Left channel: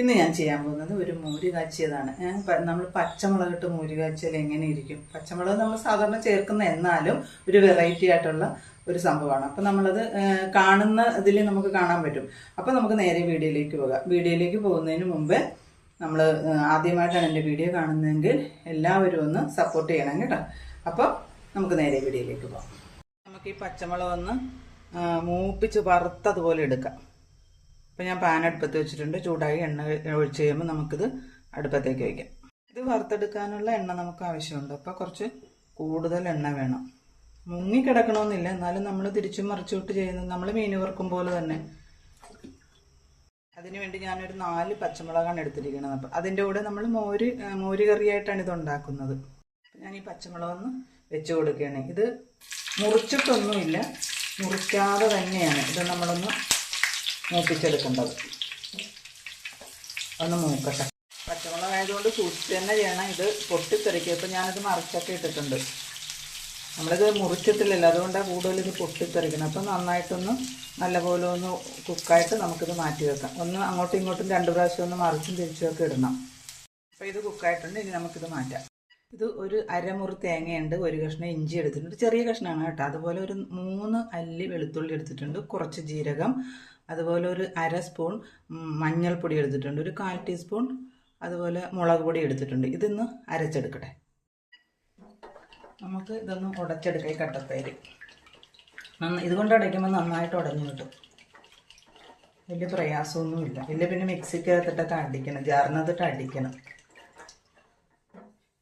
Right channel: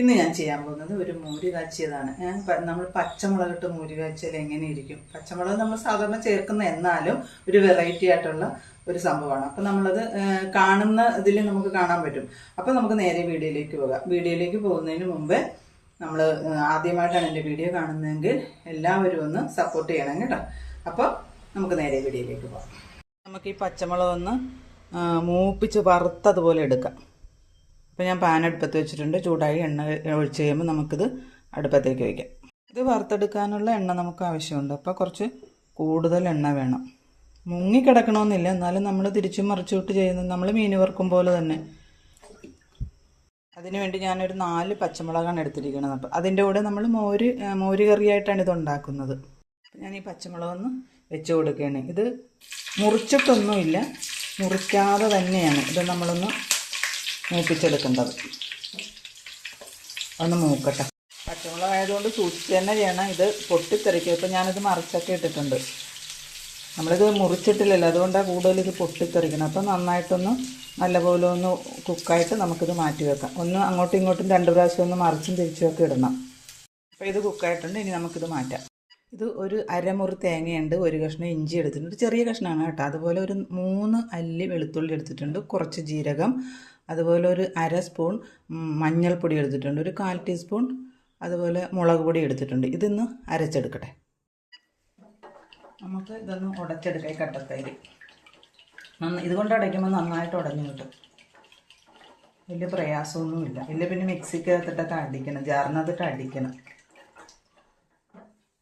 ഇന്ന് ഞാൻ ചെയ്യാൻ പോകുന്നത് ഒരു മോര് കാച്ചിയതാണ് നമ്മൾ പച്ചമുളക് നമ്മൾ പച്ചമുളകിട്ട് മോര് കാച്ചിയാൽ എങ്ങനെ ഇരിക്കും? പച്ചമുളക് നമ്മൾ സാധാരണ ചേർക്കുന്ന എന്നാലും ഒരു വെറൈറ്റി ആയിട്ടുള്ള ഒരു സംഭവമാണ്. അപ്പം നമ്മളത് കാണുന്ന ഇതിൽ നമുക്ക് കാണാൻ പറ്റും. അപ്പം നമുക്ക് നേരെ വീഡിയോയിലേക്ക് പോകാം. വീഡിയോയിലേക്ക് പോകുന്നതിന് മുമ്പേ നമ്മൾ ആദ്യമായിട്ടാണ് എന്റെ വീഡിയോ കാണുന്നതെങ്കിൽ എല്ലാവരും ഒന്ന് സപ്പോർട്ട് ചെയ്യണം കേട്ടോ. അപ്പോൾ നമുക്ക് നേരെ വീഡിയോയിലേക്ക് പോകാം. നമുക്ക് ഈ പച്ചമുളക് ഒന്ന് മൂപ്പിച്ച് വറുത്തതുപോലെ എടുക്കാം. അപ്പോൾ ഞാൻ പാൻ അടുപ്പത്ത് വെച്ചിട്ടുണ്ട്. ചൂടായി എണ്ണ ഒഴിച്ച് കഴിയുമ്പോൾ നമുക്കിത് അടുപ്പത്തേക്ക് വയ്ക്കാം ഇത് വറുത്തെടുക്കാനുള്ള എണ്ണ നമുക്ക് ആവശ്യമുണ്ട്. അപ്പോൾ കുറച്ച് കൂടുതൽ എണ്ണ വേണം. മുങ്ങിക്കിടക്കണമെന്നില്ല എന്നാലും നമ്മൾ തിരിച്ചും മറിച്ചുവിട്ട് ചെയ്യുന്നത് നമ്മൾ മീൻ വറുക്കും പോലെ തന്നെ. അതിനുവേണ്ടി ഞാനൊരു നാല് പച്ചമുളകാണ് എടുത്തിരിക്കുന്നത്. അപ്പോൾ അതിന്റെ കൂടെ നമ്മൾ മോര് മോര് കറിയായിട്ടാണ് ഇത് ഉണ്ടാക്കുന്നത്. ഞാൻ ഈ പച്ചമുളകൊന്ന് വെച്ച് കൊടുക്കുകയാണ്. ഇത് മുറിച്ചിട്ടൊന്നുമില്ല. മുറിക്കാതെ തന്നെയാണ്. ഇത് നമ്മളൊന്ന് മൂപ്പിച്ചെടുക്കേണ്ടത്. ഒന്ന് മൂക്കട്ടെ. പച്ചമുളക് ആയതുകൊണ്ട് സൂക്ഷിച്ച് തന്നെ ചെയ്യണം. ഇത് പൊട്ടിത്തെറിക്കും. ഇപ്പം ഞാനിത് മറിച്ചൊക്കെ ഇട്ടിട്ടുണ്ട്. നമ്മളിത് മുറിച്ചിട്ടില്ലല്ലോ. അതുകൊണ്ടാണ് കൂടുതൽ ഇത് പൊട്ടിത്തെറിക്കണം. അപ്പം നന്നായിട്ടൊന്ന് നല്ലപോലെ ഒന്ന് കുക്കായിട്ട് നമുക്കിത് മാറ്റി വെക്കാം. ഒന്ന് അങ്ങോട്ടും ഇങ്ങോട്ടും രണ്ട് പ്രാവശ്യം ഒന്ന് മറിച്ചും തിരിച്ചുമൊക്കെ ഇടണം. അപ്പോൾ ഇത് കുക്കായിട്ടുണ്ട്. ഇനി നമുക്കിത് മാറ്റാം. ഇത് ഒരു അരമുറി തേങ്ങയുണ്ട്. ഒരു കഷ്ണം ഇഞ്ചി എടുത്തിട്ടുണ്ട്. ചെറിയ കഷ്ണമാണ് കേട്ടോ. അതുപോലെ ഒരു മൂന്ന് അല്ലി വെളുത്തുള്ളി എടുത്തിട്ടുണ്ട്. കുറച്ച് ജീരകം അതുപോലെ ഒരു അര സ്പൂൺ മഞ്ഞൾപ്പൊടി എടുത്തിട്ടുണ്ട്. ഒരു കാൽ ടീസ്പൂൺ അതുപോലെ മുളക് പൊടി എടുത്തിട്ടുണ്ട്. ഇതൊന്ന് അരച്ചെടുക്കട്ടെ. നമുക്ക് ഇതൊന്ന് ഉടച്ചെടുക്കാം ഈ കട്ടത്തൈര് നന്ന ഇതുകൊണ്ട് അടയ്ക്കുമ്പോൾ നന്നായിട്ട് ഉടഞ്ഞു കിട്ടും. വലിയ പ്രയാസമൊന്നുമില്ല. ഇല്ല പിന്നെ മിക്സിക്കകത്തിട്ടൊക്കെ അടിക്കണം. ജാറിനകത്തിട്ട് അടിക്കണം.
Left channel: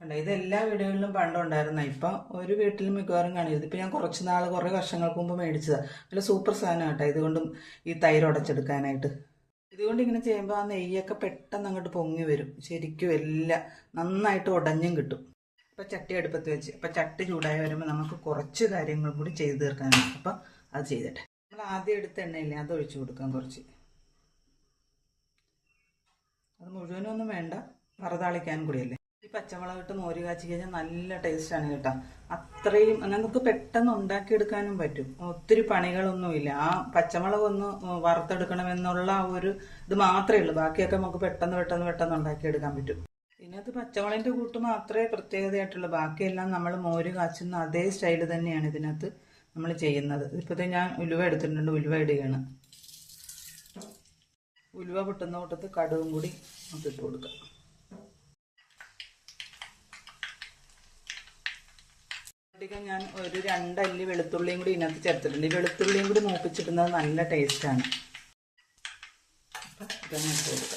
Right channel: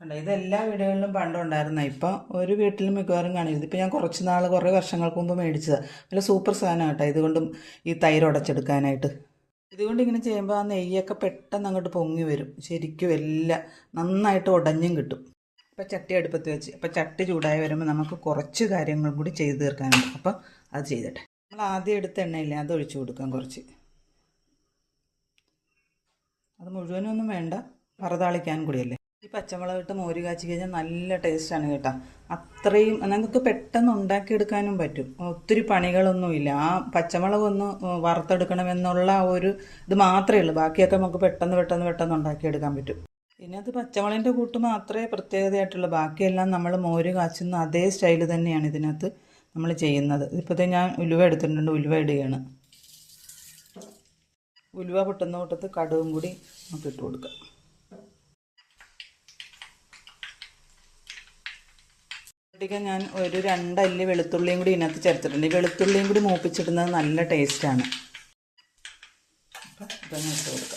ഉണ്ട് ഇത് എല്ലാ വീടുകളിലും പണ്ടുണ്ടായിരുന്ന ഇപ്പം ഒരു വീട്ടിലും മിക്കവാറും കാണില്ല. ഇപ്പം ഞാൻ കുറച്ച് നാൾ കുറേ വർഷങ്ങൾക്ക് മുമ്പ് മേടിച്ചതാണ് നല്ല സൂപ്പർ സാധനം കേട്ടോ ഇതുകൊണ്ടും ഈ തൈര് ഉടച്ചെടുക്കാനായിട്ട്. ഇതുകൊണ്ട് ഇങ്ങനെ ചെയ്യുമ്പോൾ ആ നെയ്യൊക്കെ പെട്ടെന്ന് അങ്ങോട്ട് പൊങ്ങി വരും. ശരിക്കും എല്ലാം നന്നായിട്ട് ഉടഞ്ഞും കിട്ടും. അപ്പോൾ ചട്ടി അടുപ്പത്ത് വെച്ച് അപ്പോൾ ചട്ടി ചൂടായി വരുമ്പോൾ നമുക്ക് കുറച്ച് കാര്യങ്ങളും കൂടി ചെയ്തു തീർക്കാനുണ്ട്. അപ്പോൾ അത് ചെയ്തിട്ടെ. നമ്മൾ ആദ്യം എടുത്ത എണ്ണയില്ല അത് ഒഴിച്ചു കൊടുക്കാം കുറച്ച്. അത് മുഴുവനൊന്നും വേണ്ട പറതാളിക്കാൻ കൂടിയല്ലേ? ഈ പച്ചമുളക് ഇട്ട് മോര് കാച്ചി കഴിഞ്ഞാൽ നല്ല ടേസ്റ്റാണ് കേട്ടോ. അത്രയും നമുക്ക് പെട്ടെന്ന് ഉണ്ടാക്കിയെടുക്കാനും പറ്റും. ഒത്തിരി പണികളൊന്നുമില്ല. ആ പച്ചമുളക് ഒന്ന് വറുത്തെടുക്കണമെന്നുള്ള ആ ഒരു ഇത് മാത്രമേ ഉള്ളൂ. ബാക്കിയൊക്കെ നമുക്ക് പെട്ടെന്ന് പെട്ടെന്ന് പെട്ടെന്ന് ഉണ്ടാക്കിയെടുക്കാൻ പറ്റും. പിന്നെ അത് പച്ചമുളകിന്റെ കൂട്ട് മാത്രമേ പ്രത്യേകതയായിട്ടുള്ളൂ. ബാക്കിയെല്ലാം നമ്മൾ മോര് കാച്ചുന്ന അതേ സ്റ്റൈൽ തന്നെയാണ് ഇതിനകത്ത് നമ്മൾ ചെയ്യുന്നത്. ഇപ്പോഴത്തെ ഞാൻ ഉലുവ എടുത്തിട്ടുണ്ട്. ഉലുവ ഇടുകയാണ്. ഉലുവ പൊട്ടുന്ന കൂട്ടത്ത് കടുവും കൂടി നമുക്ക് ഇട്ട് കൊടുക്കാം. പൊട്ടിക്കാൻ ഞാൻ ഒരു രണ്ടല്ലി വെളുത്തുള്ളിയും കൂടി ഇതിനകത്ത് ചേർത്തിട്ടുണ്ട്. ഈ വെളുത്തുള്ളിയും കൂടി മൂപ്പിച്ചിടുന്നത് നല്ല ടേസ്റ്റാണ് അപ്പം ഇട്ട്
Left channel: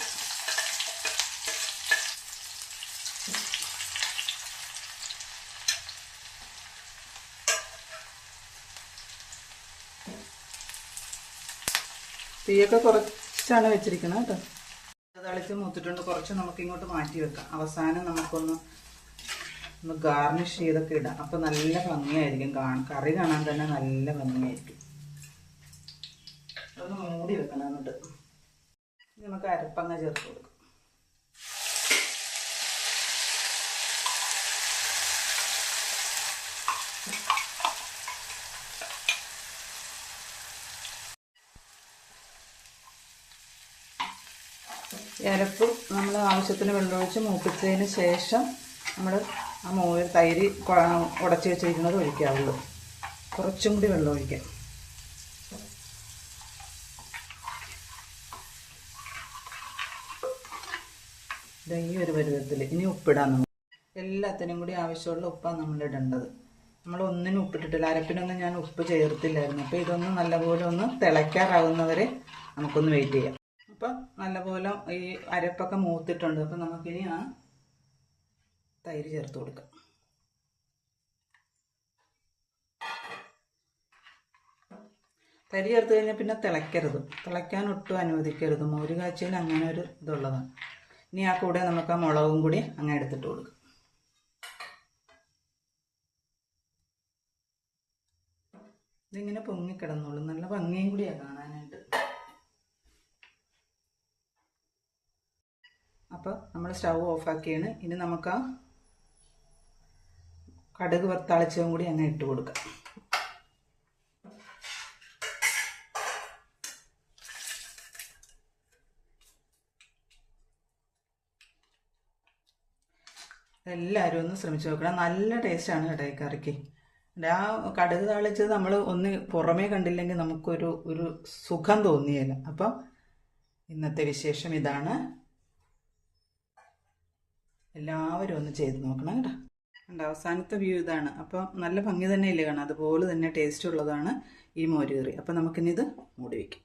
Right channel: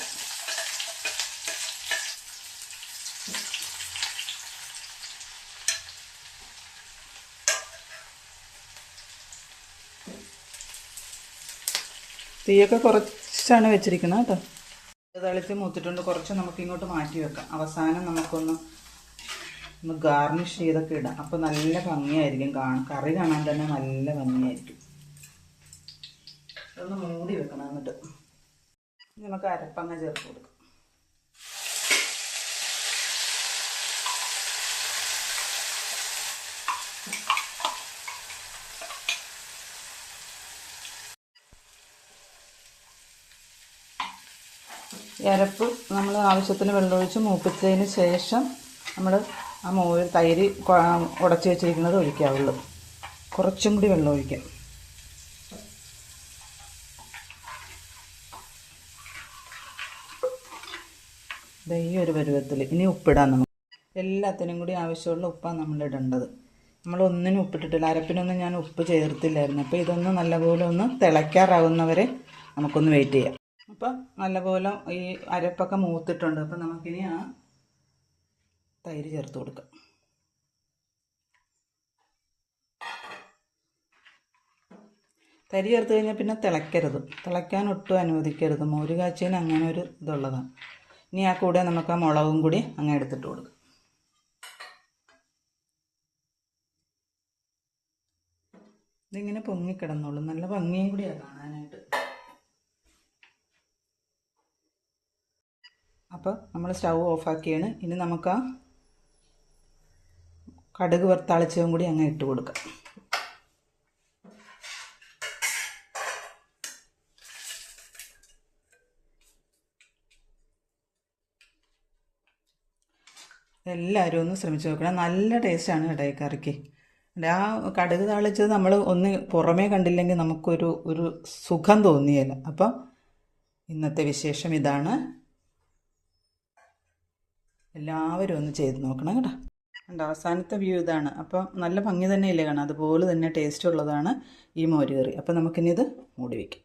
തീയൊക്കെ കുറച്ചാണ് വെച്ചിരിക്കുന്നത് കേട്ടോ. തളിച്ച് മൂത്തിട്ടുണ്ട്. കുറച്ച് നമുക്ക് ഇങ്ങോട്ട് മാറ്റി വെക്കാം. അവസാനം നമുക്കൊന്ന് ഒന്ന് ഗാർണിഷ് ചെയ്തൊക്കെ ഇടാം. അപ്പോൾ നല്ല ഭംഗിയായിരിക്കും കാണാൻ. കറി കാണാൻ തന്നെ നല്ല ഭംഗിയായിരിക്കും. അതൊന്ന് മൂടി വെക്കണം എന്നിട്ട്. നമുക്ക് അരപ്പങ്ങ ചേർത്ത് കൊടുക്കാം. അരപ്പ് നമ്മൾ ആവശ്യത്തിന് വെള്ളമൊഴിച്ച് മൂപ്പിച്ചതിന് ശേഷം നമ്മൾ ആ മോര് തൈര് ഉടച്ച് വെച്ചിരിക്കുന്നത് ഒഴിക്കാവുള്ളൂ. കുറച്ചും കൂടി വെള്ളം ഒഴിക്കാം. ഈ ഒരു പരുവത്തിൽ ഇനി ഉപ്പിടാൻ നമുക്ക് എല്ലാത്തിനും കൂടി ആവശ്യമുള്ള ഉപ്പാണ് നമ്മൾ ഇടേണ്ടത്. നമ്മൾ ഒന്നിനും ഉപ്പിട്ടിട്ടില്ല. അരപ്പിനൊന്നും ഞാൻ ഉപ്പ് ചേർത്തില്ലായിരുന്നു. അപ്പോൾ ഇതൊന്ന് നല്ലപോലെ ഒന്ന് തിളയ്ക്കാറാവുന്നവരെ നമുക്കൊന്ന് വെയിറ്റ് ചെയ്യാം. അപ്പം നല്ലപോലെ ഈ അരപ്പൊക്കെ മൂത്തിട്ടുണ്ട്. അപ്പം നമുക്കിനി ആ തൈര് ചേർത്ത് കൊടുക്കുക തരി ചേർത്ത് കഴിഞ്ഞാൽ പിന്നെ തിളയ്ക്കരുത്. തിളയ്ക്കാൻ ഒട്ടും അനുവദിക്കരുത്. മോര് കാച്ചിന് അങ്ങനെ ഒരു ഇതുള്ളതാണ്. ഇനി ആ കൂടെ നമുക്ക് ആ മുളകും കൂടി അങ്ങ് എടുത്തിട്ട് കൊടുക്കാം. ഇതിങ്ങനെ പൊങ്ങിക്കിടന്നോളൂ നല്ല ഭംഗിയും കൂടിയാണ് കാണാനായിട്ട്. അപ്പോൾ നമ്മൾ സ്റ്റൗ ഓഫാക്കിയാണ്. ഇനി നമുക്ക് ആ കടുക് വറുത്താളിച്ചതും കൂടി അങ്ങ് ഇട്ട് കൊടുക്കാം. എല്ലാവരും ഒന്ന് ശ്രമിച്ചു നോക്കണം. നല്ല ടേസ്റ്റാണ് കേട്ടോ ഈ കറിക്ക്. ആ കടുക് താളിച്ചത് നമ്മൾ ഒന്ന് പുറമേ കണ്ടില്ലെങ്കിൽ നമുക്കൊരു ഒരു സുഖം തോന്നിയല്ല അപ്പം ഇന്നത്തെ വിശേഷം ഇതാണ്. എല്ലാവരും ഒന്ന് ചെയ്ത് നോക്കണം കേട്ടോ. ഉണ്ട് അവസാനത്തെ വ്യൂ ഇതാണ്. അപ്പം നല്ല ഭംഗി തന്നെയില്ലേ കാണാം അതുപോലെ തന്നെ ടേസ്റ്റ് ഉള്ളതാണ് ഈ മോര് കറി അപ്പം നമുക്കിനി ഇത് മൂടി വയ്ക്കാം